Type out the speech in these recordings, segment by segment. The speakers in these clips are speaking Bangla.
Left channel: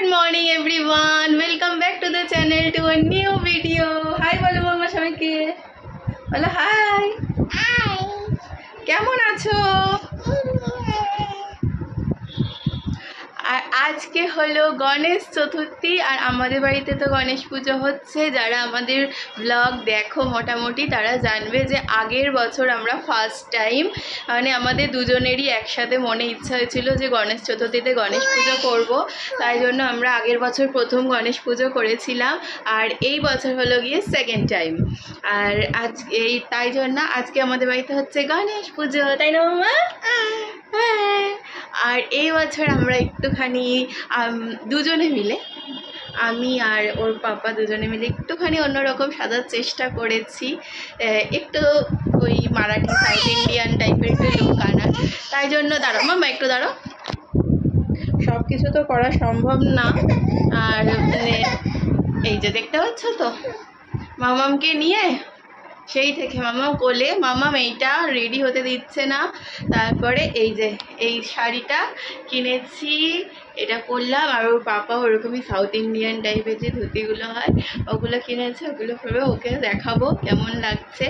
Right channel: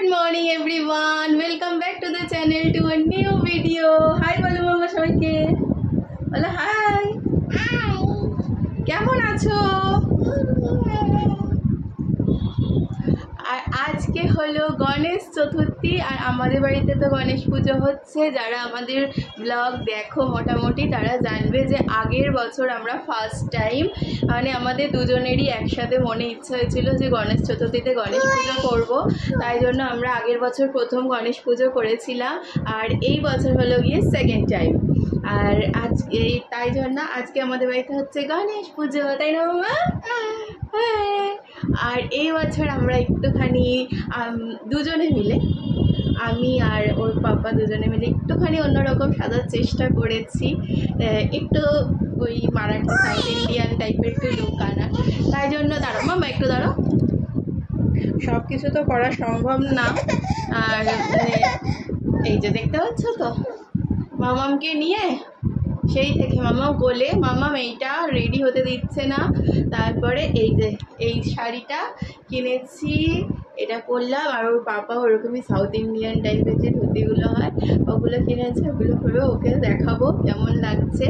Good morning everyone, welcome back to the channel to a new video. Hi বলো মামা সবাইকে, বলো হাই। হাই, কেমন আছো? আর আজকে হলো গণেশ চতুর্থী আর আমাদের বাড়িতে তো গণেশ পুজো হচ্ছে। যারা আমাদের ব্লগ দেখো মোটামুটি তারা জানবে যে আগের বছর আমরা ফার্স্ট টাইম মানে আমাদের দুজনেরই একসাথে মনে ইচ্ছা হয়েছিল যে গণেশ চতুর্থীতে গণেশ পুজো করব, তাই জন্য আমরা আগের বছর প্রথম গণেশ পুজো করেছিলাম আর এই বছর হলো গিয়ে সেকেন্ড টাইম। আর আজকে তাই জন্য আজকে আমাদের বাড়িতে হচ্ছে গণেশ পুজো, তাই না মামা? হ্যাঁ। আর এই বছর আমরা একটুখানি দুজনে মিলে, আমি আর ওর পাপা দুজনে মিলে একটুখানি অন্যরকম সাজার চেষ্টা করেছি, একটু ওই মারাঠি সাউথ ইন্ডিয়ান টাইপের একটু লুক আনার। তাই জন্য দাঁড়ো মামা, একটু দাঁড়ো, সব কিছু তো করা সম্ভব না। আর মানে এই যে দেখতে পাচ্ছ তো মামামকে নিয়ে সেই থেকে মামাম কোলে, মামাম এইটা রেডি হতে দিচ্ছে না। তারপরে এই যে এই শাড়িটা কিনেছি, এটা পরলাম। আর ওর পাপা ওরকমই সাউথ ইন্ডিয়ান টাইপের যে ধুতিগুলো হয় ওগুলো কিনেছে, ওগুলো পরবে, ওকে দেখাবো কেমন লাগছে।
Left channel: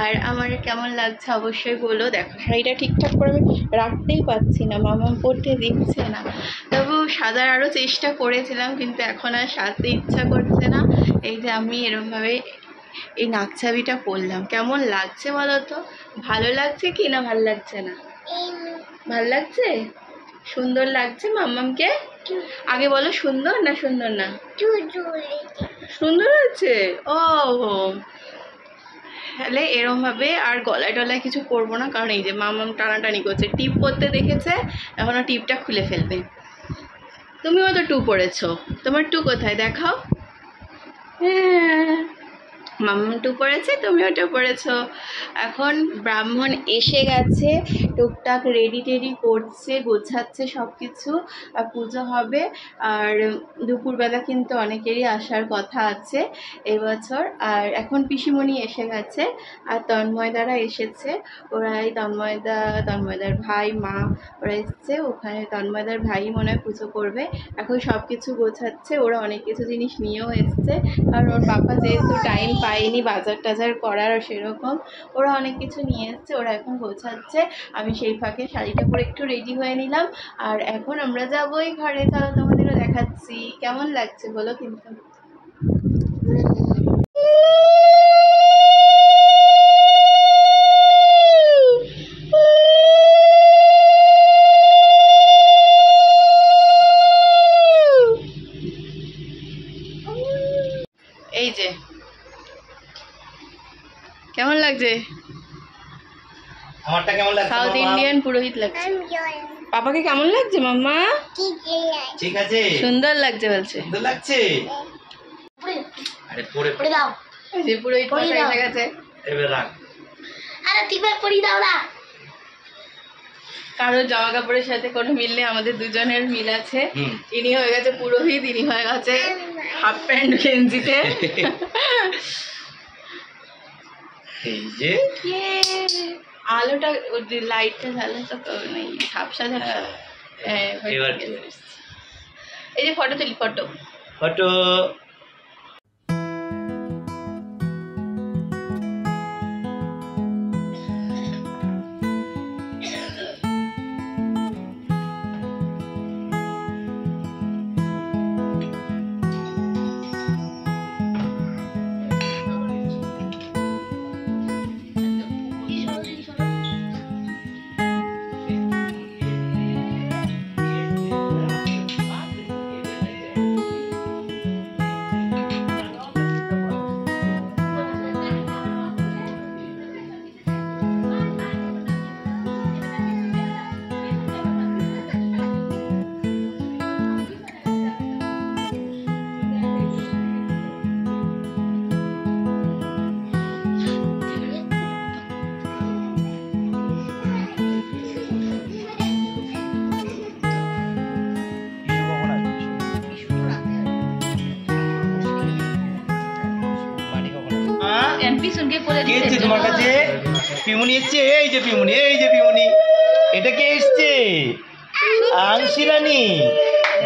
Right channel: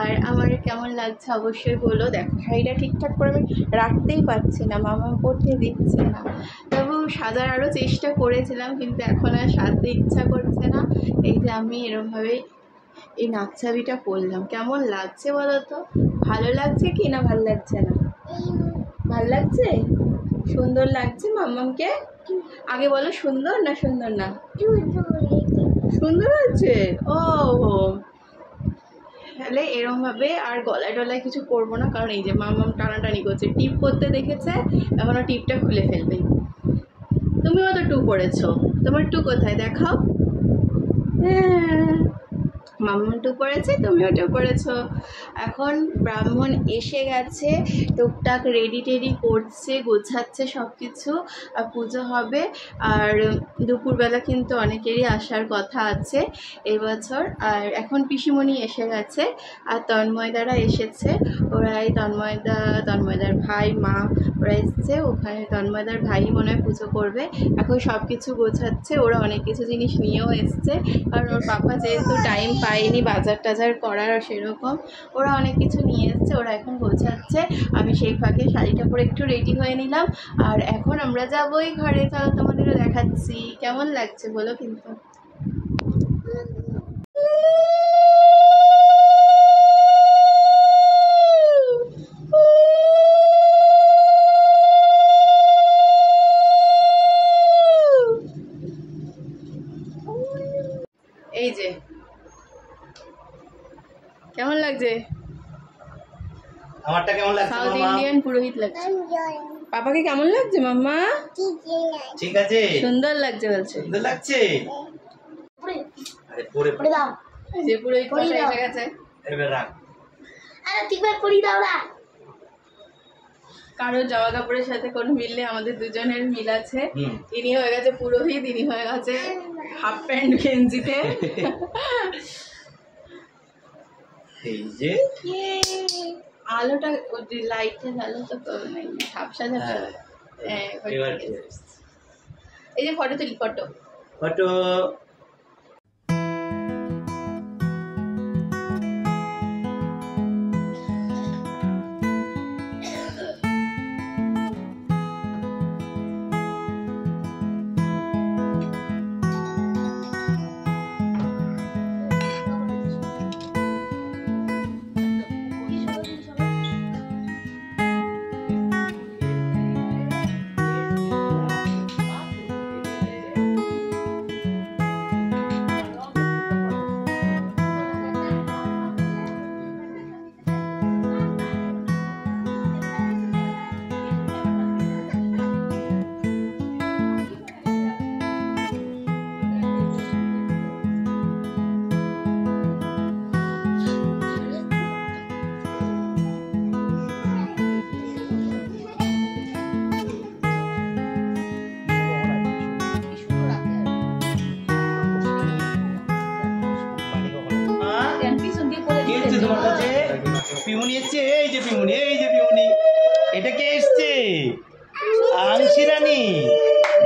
আর আমার কেমন লাগছে অবশ্যই বলো। দেখো শাড়িটা ঠিকঠাক করে আমি রাখতেই পারছি না, মামাম পরতে দিচ্ছে না। তবু সাজার আরও চেষ্টা করেছিলাম কিন্তু এখন আর সাজতে ইচ্ছা করছে না। এই যে আমি এরকমভাবে এই নাকছাবিটা পরলাম, কেমন লাগছে বলো তো? ভালো লাগছে কি না ভালো লাগছে না? ভালো লাগছে, সুন্দর লাগছে মাম্মামকে? আগে বলো সুন্দর না সুন্দর না? সুন্দর আছে। ও তাহলে এরমভাবে আর গলায় টলায় কিছু করবো না, কারণ এই যে মাম্মাম টানাটানি করছে, টিপ পরতে দেখেছে, এখনও টিপটা খুলে ফেলবে। তুমিও তো টু পরেছো, তোমার টু কোথায় দেখাও? হ্যাঁ মাম্মাম টু পড়েছে, তুমিও টু পড়েছো। এখন ব্রাহ্মণ এসে গেছে, টুকটাক রেডি টেডি করছে, গোছাচ্ছে সব কিছু, আর পুজো হবে। আর দুপুরবেলা কিন্তু অনেকেরই আসার কথা আছে এবছর। আর এখন পিসিমণি এসে গেছে আর তন্ময়দারা এসেছে, ওরা এই তন্ময়দার ভাই মা ওরা এসছে, ওখানে তন্ময়দার ভাই মনে হয় পুজো করবে। এখন সব কিছু গোছাচ্ছে, ওরা অনেক কিছু জিনিস নিয়েও এসছে, কারণ ওর পাপা যেহেতু টাইম পাইনি বাজার টাজার করার সেরকম, ওরা অনেক কিছু নিয়ে এসছে, ওরা এখন গোছাচ্ছে। আমি সেই ফাঁকে শাড়িটা পরে একটু রেডি হয়ে নিলাম। আর এখন আমরা যাবোই ঘরে, চলো তোমাদেরও দেখাচ্ছি কেমন লাগছে বলো কিন্তু। এই যে কেমন লাগছে? আমারটা কেমন লাগছে? সাউথ ইন্ডিয়ান পুরোহিত লাগছে। পাপাকে কেমন লাগছে মাম্মা? ঠিক আছে, সুন্দর লাগছে বলছে। সুন্দর লাগছে। আরে পরে পরে দাও, যে পুরোহিত এসে গেছে, এবার রাখ। আরে তিবার পরি দাও না। কারো জামা কাপড়ের সাথে কোনো মিল নেই, আমাদের দুজনের মিল আছে। ইনি হয়ে গেছে পুরোহিত, ইনি হয়ে গেছে হাফ প্যান্ট গেঞ্জিতে। এই যে আলোটা লাইটটা জ্বালে তো নেই, ঝাপসা ঝাপসা। এবার এই যে ফটো তুলি, ফটো ফটো। ইস্যু কখন আসবে? ইস্যু তো রাতে আসবে। মানি কখন আসবে? এমপি সঙ্গে করে দিতে। কে তোমার কাছে? পিউনি এসছে, এই যে পিউনি, এই যে পিউনি। এটা কে এসছে? আংশিরানি।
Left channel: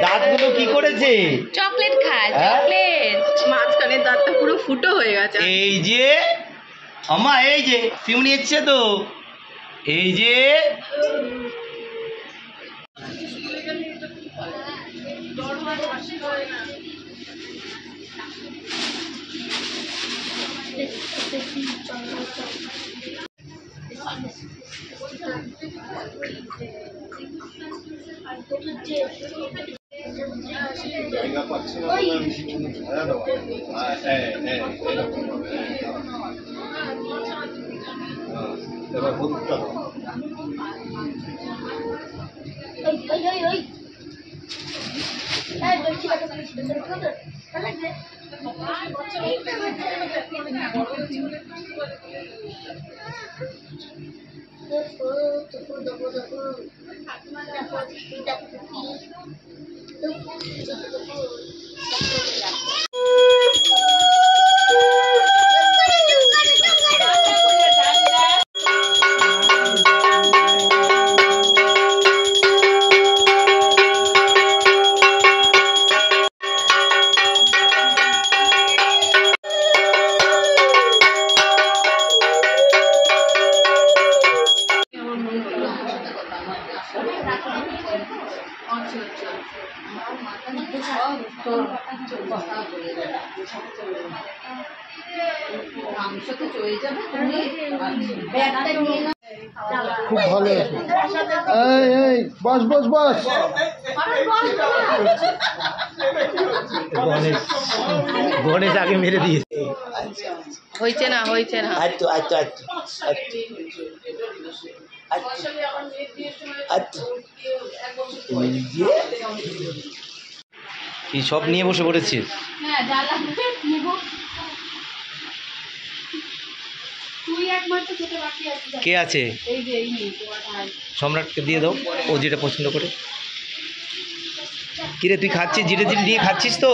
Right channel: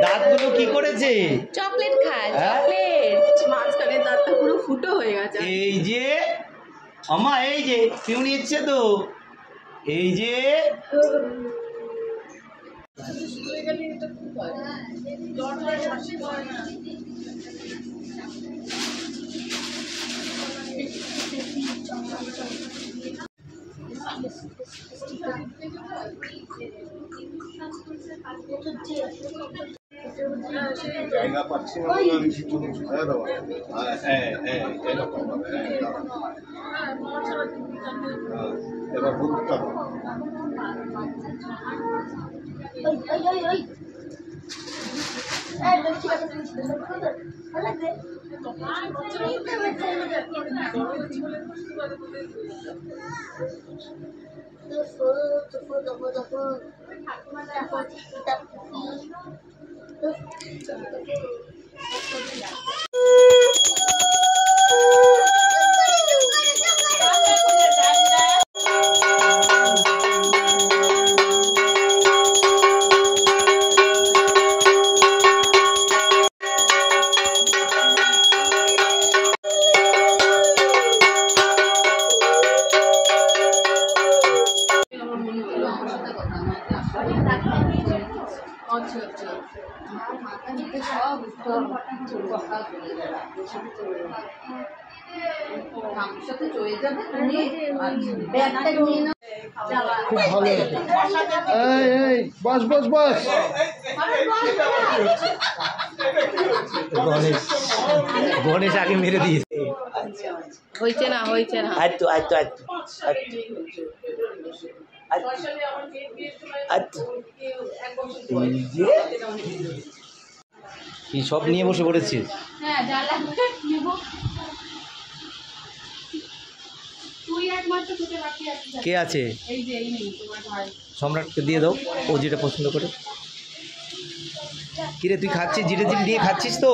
দাঁতগুলো কি করেছে? চকলেট খায়, চকলেট। মাঝখানে দাঁতটা পুরো ফুটো হয়ে গেছে। এই যে আমা, এই যে পিউনি এসছে তো, এই যে জায়গা পাচ্ছি না বলে আমি কিছু ছায়া দেওয়া এরকম ভাবে এবার হলুদটা দাও। খুব ভালো আছে। এই বস বস বস। গণেশ গণেশ আগে মেরে দিয়েছে। হয়েছে না, হয়েছে না। আচ্ছা আচ্ছা আচ্ছা আচ্ছা, কি সব নিয়ে বসে পড়েছিস? কে আছে? সম্রাটকে দিয়ে দাও, ও যেটা পছন্দ করে। কিরে তুই খাচ্ছিস, জিরে জিরে দিয়ে খাচ্ছিস তো?